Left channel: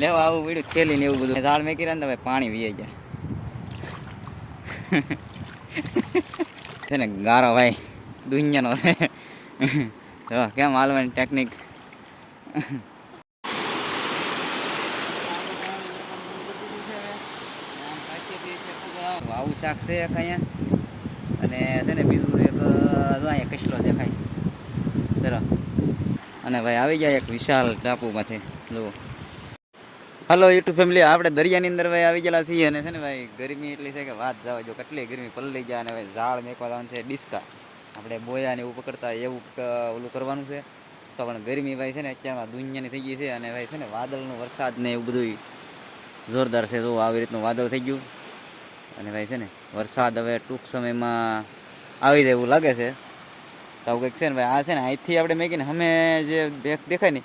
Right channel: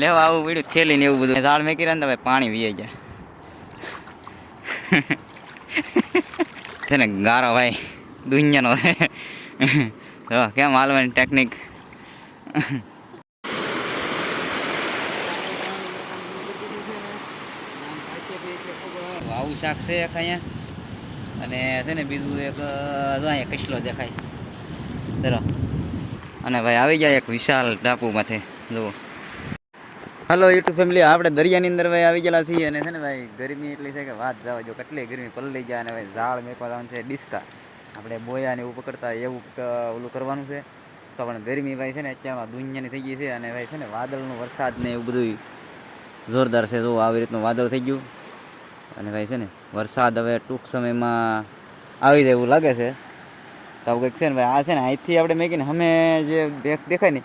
લેવા આવું પડ્યું થેલી ને એવું બધું. ઝાડ મેકી રહ્યા ને ભાઈ પાણી વીએ જાય છે ને ગારો ભાઈ દુનિયાનો છે. તો કેમ હાલવાની ટેકનિક. આવું શાક છે એક અહીંયા, અને છે ને બીજું એક જો અહીંયા કચલો દેખાય તરફ. અને ભાઈ આવી જાય એક વિશાળ ટાપુમાંથી જુઓ. હલો યુટ્યુબ ફેમિલી, આપણે દરિયાની અંદર ભાઈ આવી ગયેલા છીએ. અને છે ને ભાઈ ગરમી એટલી છે કે વાત જવા જો, કેટલી ગરમી પલળી જાય. અને ભાઈ ઝાડ મેકવા જવાનું છે ડિસ્કા, આપણે બોયા ને એવું પકડતા એવું ઓલું કરવાનું છે. તો પણ ગરમી ભાઈ છે ને અત્યારમાં દુનિયાની થઈ ગઈ છે. અને ભાઈ છે ને વાદળનું વરસાદ ને એવું બધું જોરદાર છે. જો આવી રીતનું વાદળ થઈ ગયું. અને ભાઈ છે ને વરસાદ હવે ટૂંક સમયમાં આવી જાય એવું લાગે છે. તો આવું કંઈક છે ને ભાઈ. આ છે ને અહીંથી આપણે મેકીને અમે જે બેગ દેખાય ને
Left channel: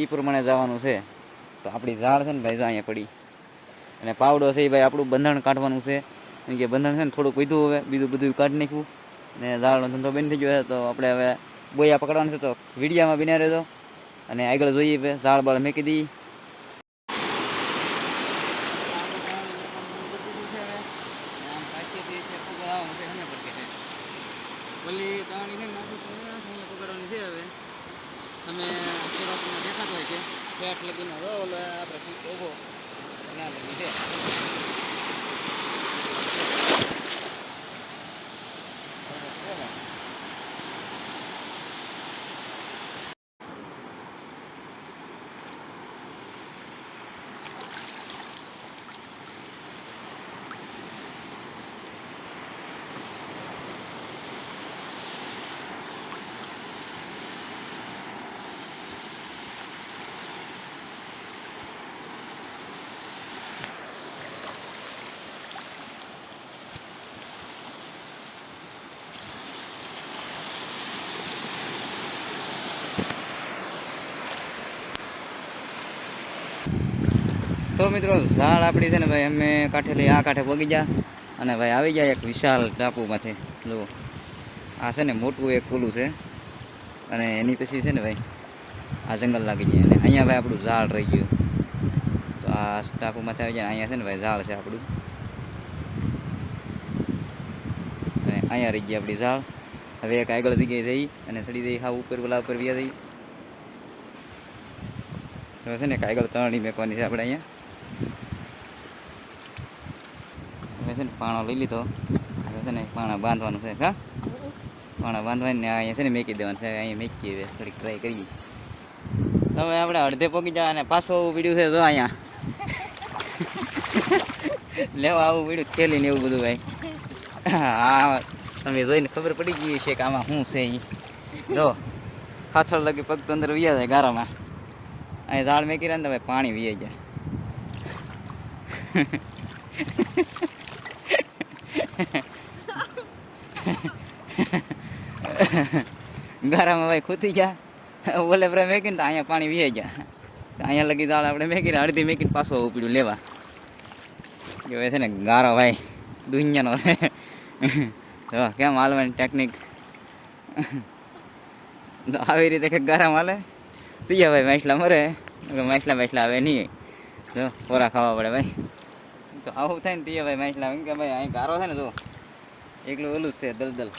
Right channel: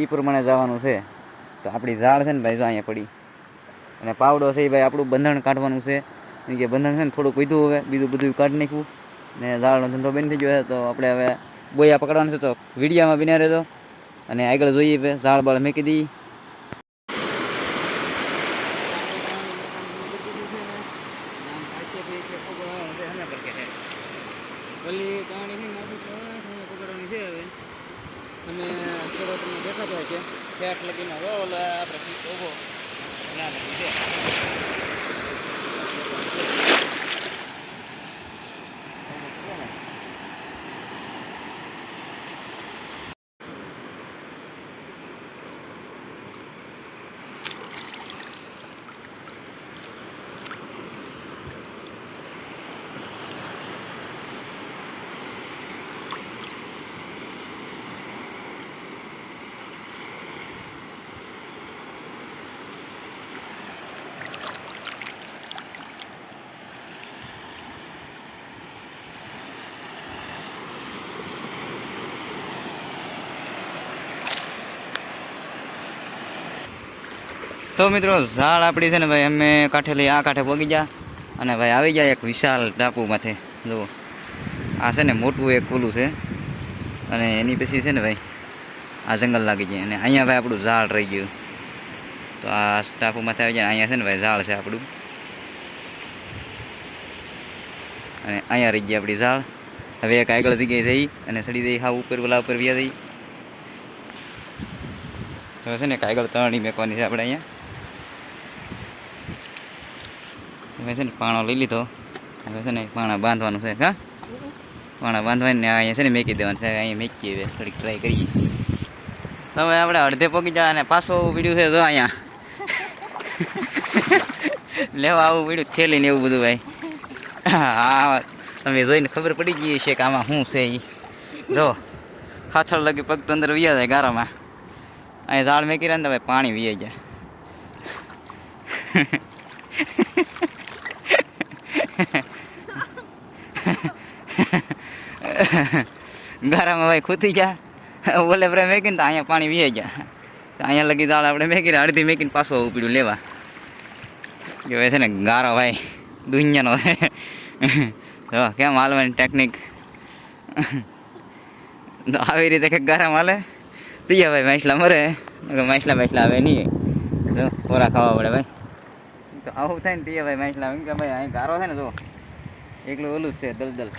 એ પ્રમાણે જવાનું છે. તો આપણી ઝાડ છે ને ભાઈ જો અહીંયા પડી, અને પાવડો છે એ ભાઈ આપણું બંધણ કાઢવાનું છે. કેમ કે બંધણ છે ને થોડુંક વધ્યું, હવે બીજું બધું કાઢી નાખ્યું ને ઝાડનો ધંધો બંધ થઈ ગયો છે. તો આપણે હવે બોયા પકડવાનું છે. તો વિડીયામાં બિના રહેજો અને આગળ જોઈએ ઝાડ બાળ મેકી દઈએ. ઓલી પાણી છે નાખી પકડવાની છે. હવે તમે થોડો તમને દેખાતો છે ફેટ લગીને હવે ઓલો આપણે ઊભો ત્યાં લગી છે. તો મિત્રો ઝાડ આપણી છે ને ભાઈ અમે કાંઠે આ કાંઠે પગી ગયા. અને ભાઈ આવી જાય એક વિશાળ ટાપુમાંથી. જુઓ આ છે ને મોટું એક ઓલું છે, અને એની પછી છે ને ભાઈ આ જંગલ લાગી જાય. અને અહીંયા ભાઈ આપણું ઝાડ રહી ગયું. તો આ ટાપુમાંથી આવી જાય. અહીંયા છે ને ભાઈ ઝાડ છે આપણું, અને અહીંયા રહી ગઈ આપણી ઝાડ. હવે એક આગળ જગ્યાએ જઈ અને સડી દઈ હા ઉપર ઓલા ઉપર વ્યા જઈ. તો છે ને આગળ તરણી મેકવાની છે આપણે અહીંયા. હવે છે ને પાણો લઈ લીધો. હવે છે ને પાણા બાંધવાનું છે. હા પાણા બાંધવાની ને અહીંયા છે ને મેકી દેવાનું છે. અહીંયા મેકીએ હવે થોડીક ટ્રાય કરીએ. તો હવે આપણે અડધે પગી જાય અને પાછો પીડ્યું છે જો અહીંયા લેવા આવું પીડ્યું થેલી ને એવું બધું ભાઈ. હા તમે જોઈને ખબર પડી ગઈ છે કે આમાં શું છે એ. જો હાથળ લગી પગ તો અંદર વ્યા જાય ગારામાં. અહીંયા ઝાડ મેકી રહ્યા ને ભાઈ પાણી વીએ જાય. ગારામાં ભાઈ ખૂતી ગયા ઓલે પ્રેમ મેકીને તો અહીંયા પાણી વીએ ગયા. અહીંયા લગી ઝાડ આપણે મેકી રહ્યા, અડધી મેકીને પાછું ઉપડ્યું લેવા. કે છે ને ગારો ભાઈ દુનિયાનો છે. તો કેમ હાલવાની ટેકનિક. તો આવી રીતે કંઈક ગારામાં હાલે. પીએ ભાઈ માછલા મરે, માછલા આવે નહીં. તો કોરા ખાવા પડે ભાઈ. તો આવું થાય ને પીએ ભાઈ માછલા. એમ કે ભાઈ અહીં ગારો છે ને જો એકલું ઓલું જ છે દલદલ.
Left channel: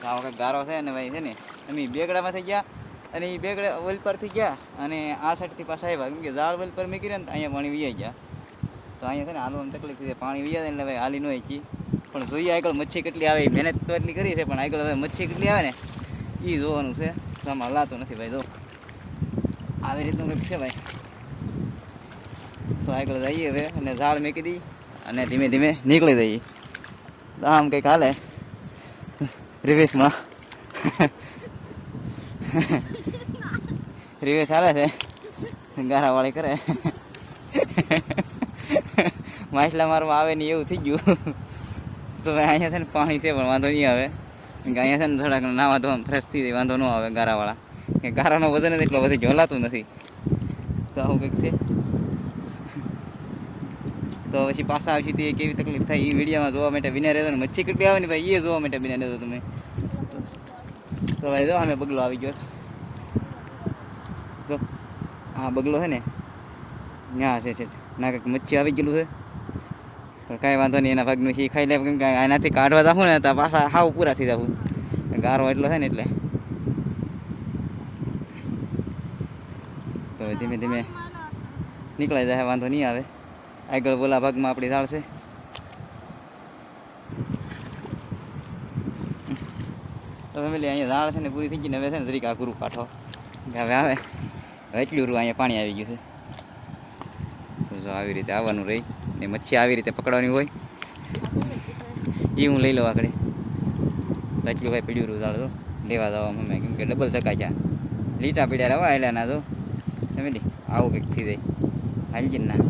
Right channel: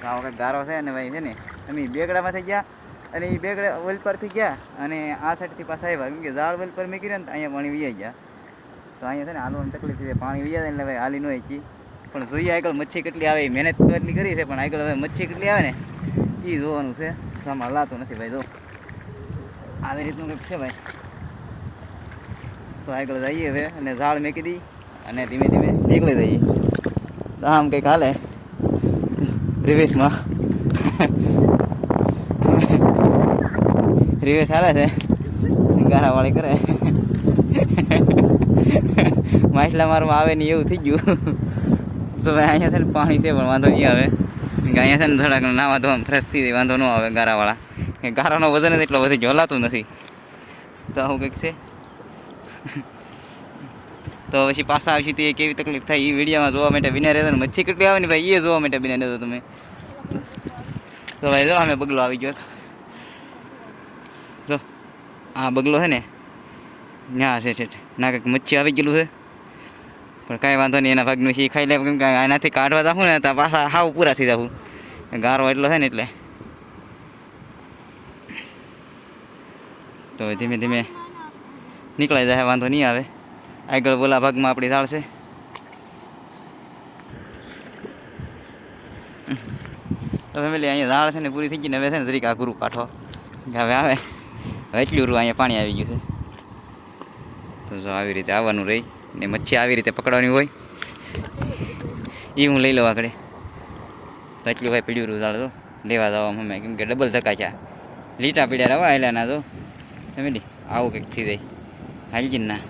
તો આવો કંઈક ગારો છે. અને ભાઈ છે ને અમે બેગડામાં થઈ ગયા, અને એ બેગડા ઓલ પર થઈ ગયા, અને આ સાઈડથી પાછા આવ્યા. કેમ કે ઝાડ ઓલ પર મૂકી રહ્યા ને અહીંયા પાણી વીઆઈ ગયા. તો અહીંયા છે ને હાલવાની તકલીફ છે. પાણી વીયા જાય એટલે ભાઈ હાલી ન શીખી. પણ જોઈએ આગળ મચ્છી કેટલી આવે. મહેનત તો એટલી કરી છે, પણ આગળ હવે મચ્છી કેટલી આવે ને એ જોવાનું છે. તો આમાં હલાતું નથી ભાઈ. જો આવી રીતનું કંઈક છે ભાઈ. તો આગળ જઈએ હવે અને ઝાડ મેકી દઈ અને ધીમે ધીમે નીકળી જઈએ. તો આમ કંઈક હાલે રિવેશમાં. રિવેશ હાલે છે, ગારાવાળી કરે. માછલા મારવા આવે ને એવું થઈ ગયું. તો ભાઈ અહીંયા છે ને પાણી છે પણ વાંધો નહીં આવે. કે અહીંયા છે ને થોડાક નાવા ધોવા ફ્રેશ થઈ જાય, વાંધો ન આવે ગારાવાળા. કે ગારાનો વજન જ એટલો વધી હલાતું નથી. તો આવું કંઈક છે. તો પછી પાછા આવશે તે કેવી તકલીફ થાય એ વિડીયોમાં જોવા માટે બિના રહેતો. ને મચ્છી કેટલી આવે ને ભાઈ એ જોવા માટે બિના રહેતો તમે. તો ભાઈ જો અમે બગલો આવી ગયો. જો આ બગલો છે ને ત્યાં છે ના કંઈક મચ્છી આવી ગયેલું છે, પણ કાંઈ વાંધો નહીં, એના ભાગનું શી ખાઈ લે, કેમ કે એનાથી કાઢવા જાઉં ને તો પાછા હાવ પૂરા થઈ જાઉં, ગારો એટલો છે ને એટલે. તો ધીમે ધીમે નીકળાઈ જાય, વાંધો નહીં આવે. આગળ બોલા ભાગમાં આપણી ઝાડ છે. તો ફેમિલી અહીંયા ઝાડ છે ને પૂરી થઈ ગઈ ને, હવે છે ને જરીક આ ગુરુ કાઢો કે હવે આવે, હવે એટલું રૂ અહીંયા પાણી આવી ગયું છે. તો જો આવી રીતે આવવાનું રહી ને, મચ્છી આવી રીતે પકડવાની હોય એ હું લઈ લઉં આગળ. તો એટલું ભાઈ પીડ્યું રૂ ઝાડ તો લેવા જવામાં અમે, કેમ કે ડબલ ધક્કા છે, લીટા પીડ્યા રવા આવેલા ના તો ફેમિલી આવું કંઈક થઈ જાય હાલજી ના.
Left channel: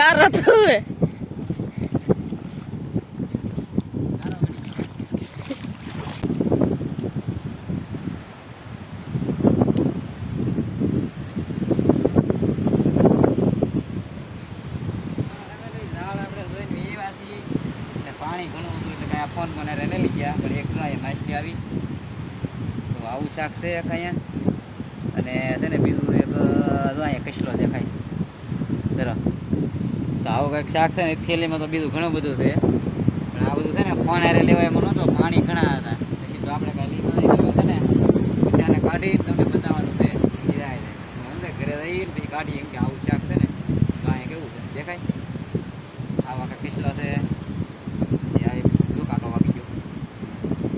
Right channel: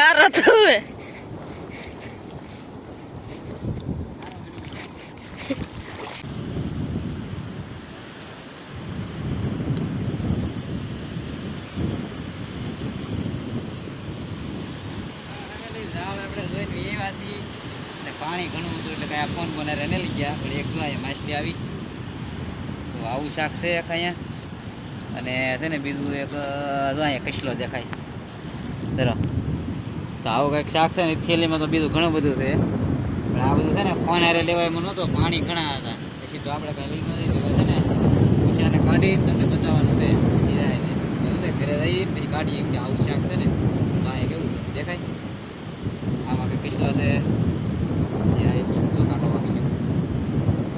ગારો તો હે પાણી ઘણું હતું એટલે કાંઈ ફોન મને રને લઈ ગયા, પણ એક માછલી આવી. તો આવું શાક છે એક અહીંયા, અને છે ને બીજું એક જો અહીંયા કચલો દેખાય તરફ. તો આવું કંઈક શાક છે ને, થેલીમાં તો બીજું ઘણું બધું છે, પણ આ બધું છે ને ફોન હારે લેવાય એમાં નહોતો, પાણી ઘણા હતા. પછી તો આપણે કાંઈ લઈ નથી છે ને, પછી આને કાઢી તમને બતાવવાનું છે ઘરે જઈને પછી કાઢીએ, કેમ કે આવું શાક છે ને. તો અહીંયા કેવું છે દેખાય, આમાં કંઈક કચલો છે, પછી આ જો કાંટો વાગી ગયો,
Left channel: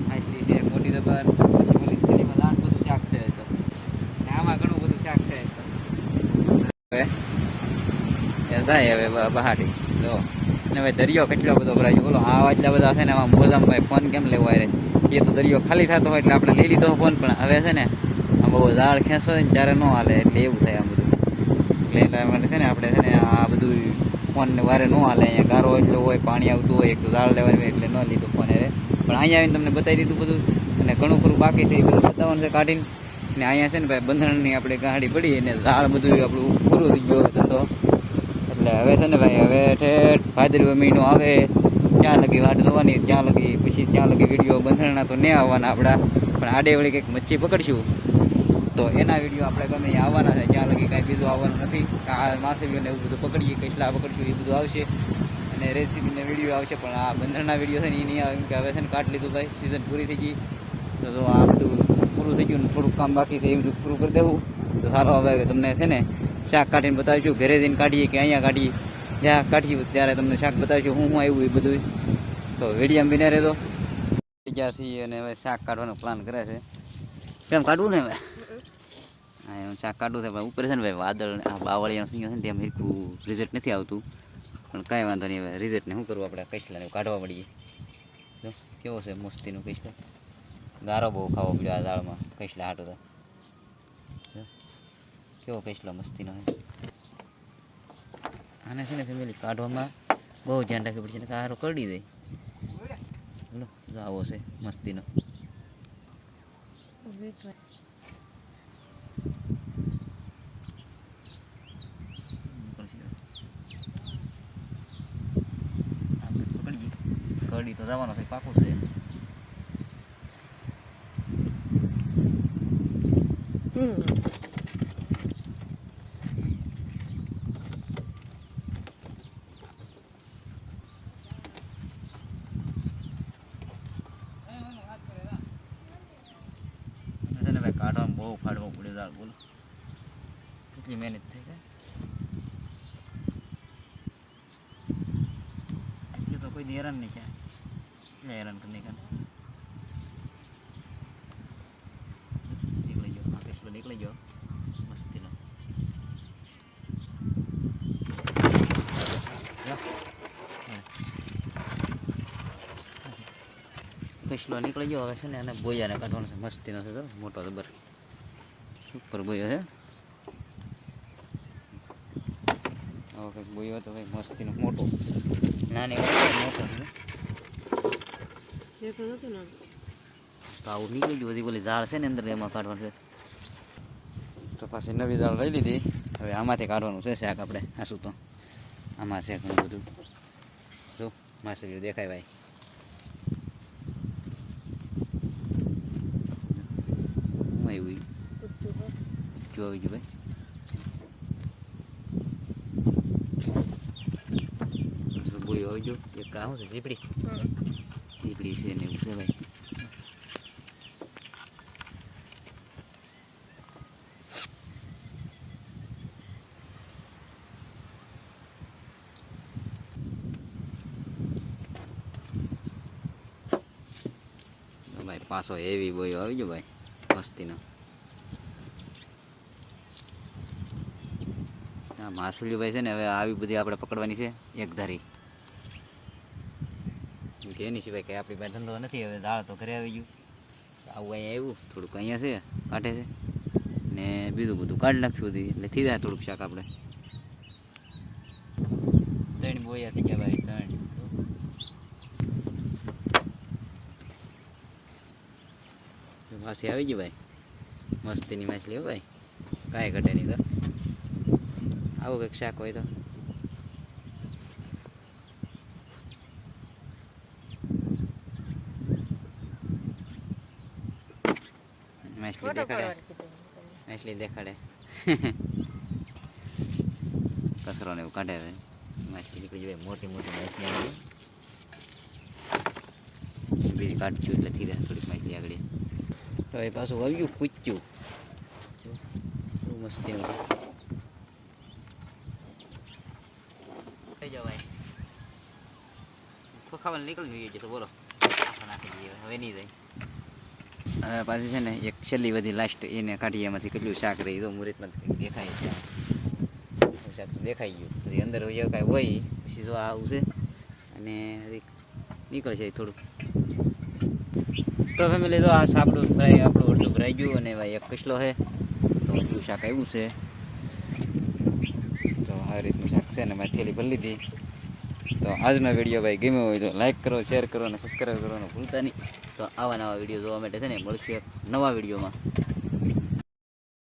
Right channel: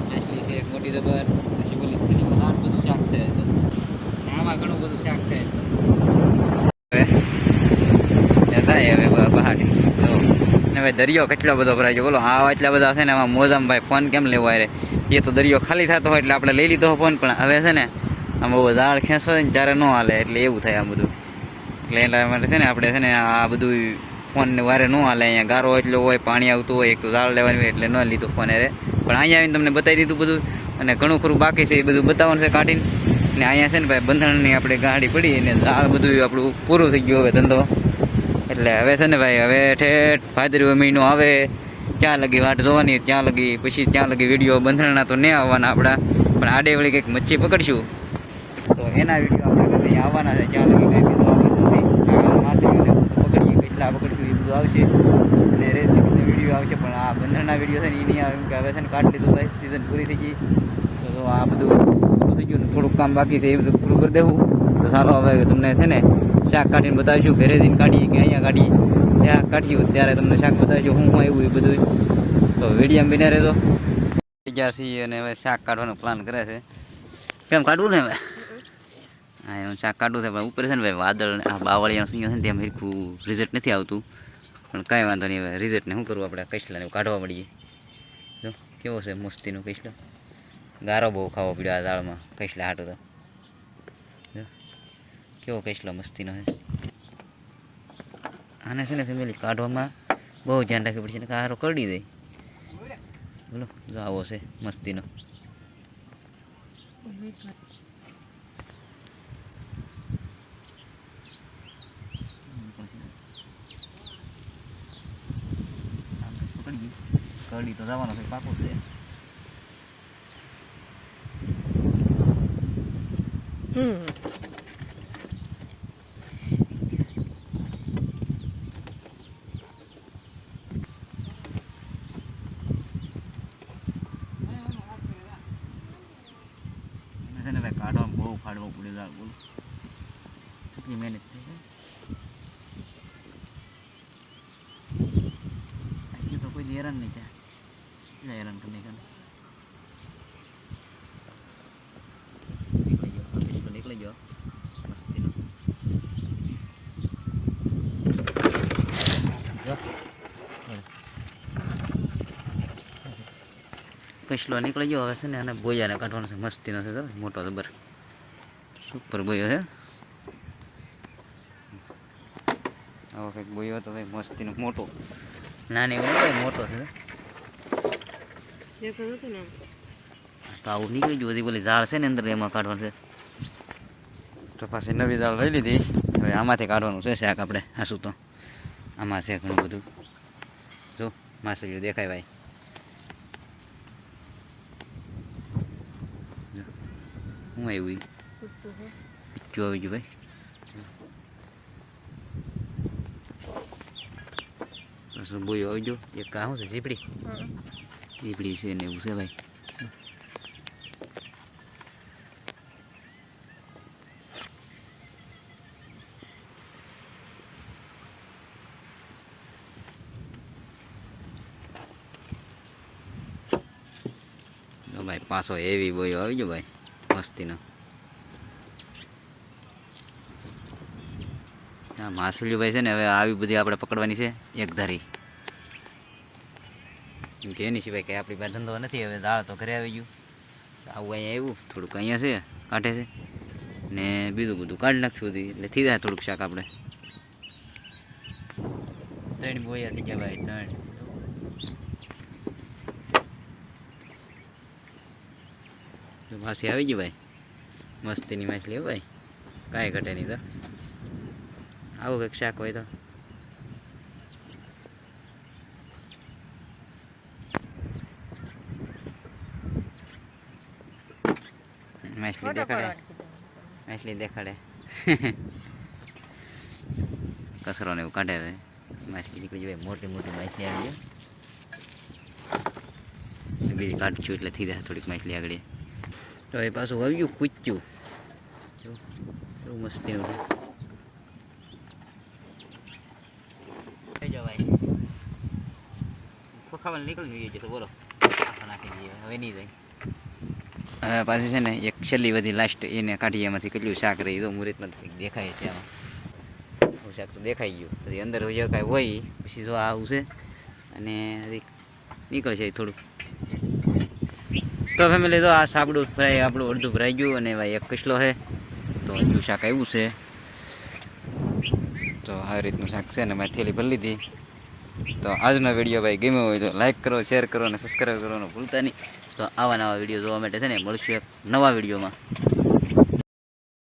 માછલી છે એક મોટી જબર, પછી બોલી થેલીમાં લાટ બધું શાક છે. તો ને આમાં ઘણું બધું શાક છે. તો હવે પહાડી જો ને ભાઈ દરિયો કેટલો બધો ભરાય છે બોલો. આ એટલા બધા છે ને આમાં મોજામાં ભાઈ ફોન કેમ લેવો રે, એ તો દરિયો ખાલી થતો હોય એટલે આપણે લઈ લીધો ફોન, પણ હવે છે ને આમ બહુ ઝાડ ખેંચવો ને ત્યારે ન હાલે, એટલે એવું થાય આ બધું. એટલે એટલા માટે છે ને આપણે છે ને આ બધું ફોનને વારે ન હાલે, અહીંયા ગારો એટલો હોય, પાણી આવતું હોય, એક તો ઝાડ લેવાની હોય એટલે ન લીધું ફોન રે. પણ અહીંયા આવીને તમને બતાવી દીધું બધું, અને ઘણું ખરું બાકી છે એ બધું બતાવવાનું છે કાઢીને. ને અહીંયા છે ને ભાઈ બંધણની આપણે ગાડી પડી અને ઝાડ બધું આપણું પૂરું થઈ ગયું હવે ધંધો. એટલે હવે છે ને ભાઈ હવે ઠેઠ ભાદરવો મહિનો આવે ત્યાં લગી વાટ જોવાની, ત્યાં લગી પછી ત્યાં લગી વિડીયો બંધણના તો નહીં આવવાના આપણા, પણ આડે વળી કંઈક મચ્છી પકડશું તો એના વિડીયો આપણે કંઈ આવવાના છે. ત્યાં લગી કાંઈ બીજું આવવાનું નથી. આ માછલીઓને બધું પકડીએ, કેટલા પકડશું એ બધું આવશે, અને રેસીપીનો વિડીયો આવશે, પણ આ બંધણના વિડીયો છે ને એ નહીં આવે, કેમ કે હવે છે ને કાઢી લીધું ભાઈ, સિઝન પૂરી થઈ ગઈ. તો આ બધું પૂરું થઈ ગયું ને થોડુંક કામ બાકી છે એ બધું પૂરું કરી દેવું તો સારો. હવે તમને છે ને શાક કાઢીને બતાવીશું, ઘરે જઈને કાઢીએ કે અહીંયા કાઢીએ, ત્યાં કાઢીએ ત્યારે તમને શાક બતાવીશું હું આવ્યું એ બધું. તો વિડીયો બિના રહેતો ગયા છીએ અને હવે શાક કાઢવાનો પ્લાન કરે છે. કેમ કાઢવું ને હવે? હા એમ શાક કાઢવું છે, પણ ઉપર છે ને ભાઈ વાદળ આ બાવળિયાનો સિંહ છે ને તેમ હરખું રિઝલ્ટ નથી આવતું, પણ કાંઈ વાંધો નહીં. હવે રિઝલ્ટને શું કરવું, આપણે કચલાને કાઢવા મળીએ. જો કેવો છે મસ્તીનો કચલો, ગારો બહુ ખાવો પડ્યો આ દાળમાં કચલા હાટું. તો કેવો કચલો મસ્તીનો છે. આને છે ને ફેમિલી કાઢવામાં બહુ ધ્યાન રાખવું પડશે, ને હારો કરડી જાય. બોલો જો આવો છે મસ્તીનો. કરડી તો જવાનો છે, પાકું છે. ભાઈ કાઢવામાં બહુ ફાડવો પડે દાળ, બોલો કેટલી મહેનત થઈ જાય. આટલી તો કોઈ હેરાન નહીં થાય, એટલે હેરાન કરી નહીં કરે. નીકળી ગયો મસ્તીનો. કસલો નીકળી ગયો હવે છે ને અને બોયાને કાઢવાનો છે મસ્તીનો છે તો મોટો જબર સુપર બોયો છે આવો કંઈક બોયો હતો ભાઈ મસ્તીનો મોટો નાની હોય મોટો છે તો આવું નીકળી ગયું બધી બોલી ઝાડ છે ને અંદર એમાં કાઢવાનું છે તો પાછી નવી ઝાડ લઈ લીધી હવે આમાંથી કાઢવાનું છે શાક આપણે આસું તો આમાં છે ઘણું બધું જો માછલીઓ દેખાય ભાઈ હું આવ્યું જો આવી ગયું ભાઈ બોયો આવી ગયો એક આ શું છે ઝીપડી ઝીપડી છે ને એવું છે ભાઈ ભાઈ પાછો એવી બોયો આવી ગયો ભાઈ મસ્તીનો હા માછલીઓ ભાઈ છે ને હવે આવી બધી આપણે પકડવાની છે એક ધારી કે એની સિવાય કંઈ આપણી પાસે ધંધો નથી હવે દાળ તો ઘરે આવી ગયું આવું અહીંયા આવ્યું થોડુંક અહીંયા છે કાઢે છે ને બીજું બધું કાઢી નાખશું બધું એટલે થઈ જાય થોડુંક શાક આપણે ત્રણ બોયા થઈ ગયા ભાઈ ત્રણ માછી આવી ગઈ ભાઈ મસ્તીની માછલી હો ભાઈ કાંઈ ઘટે નહીં તો આવું કંઈક શાક હોય તો માછલી દેખાડે કચરો ને એવું કાઢે હવે માછલી નીકળી જાય મોટી મોટી માછલી આવી ગઈ બીજી કાઢશું એટલે થઈ જાય થોડીક માછલી આગળ તો એ પાછું આવ્યું પૂછ્યું જો એવું મસ્તીનું થઈ જાવ ભાઈ ખાવાનું નીકળી જોઈએ તો બોલો નાખી દઈએ હવે નહીં જાય હવે પાછી છે ને એક છેલ્લી બધી લાસ્ટ એને કાઢીએ એમાંથી કેટલું શાક રહી તો મુહૂર્તમાં દેખાય છે આમાં શાક તો દેખાઈ ગયું પછી અંદર જે કાંઈ હોય પછી જો આવું છે અને નીકળશે થોડુંક તો ફેમિલી તો આ સાબડું ફ્રાય આપણું અડધું ભરાઈ ગયું અને ભાઈ એક કસલો છે તો હજુ શાક આવ્યું છે તો આ રીતનું શાક છે ને મેં થેલી ભરી લીધી તો આજનો વિડીયો ભાઈ ગમ્યો હોય તો લાઈક કરો શેર કરો અને સબસ્ક્રાઈબ કરવાનું ભૂલતા નહીં તો આવા નવા વિડીયો જોવા માટે છે ને મળશું એક નવા વિડીયોમાં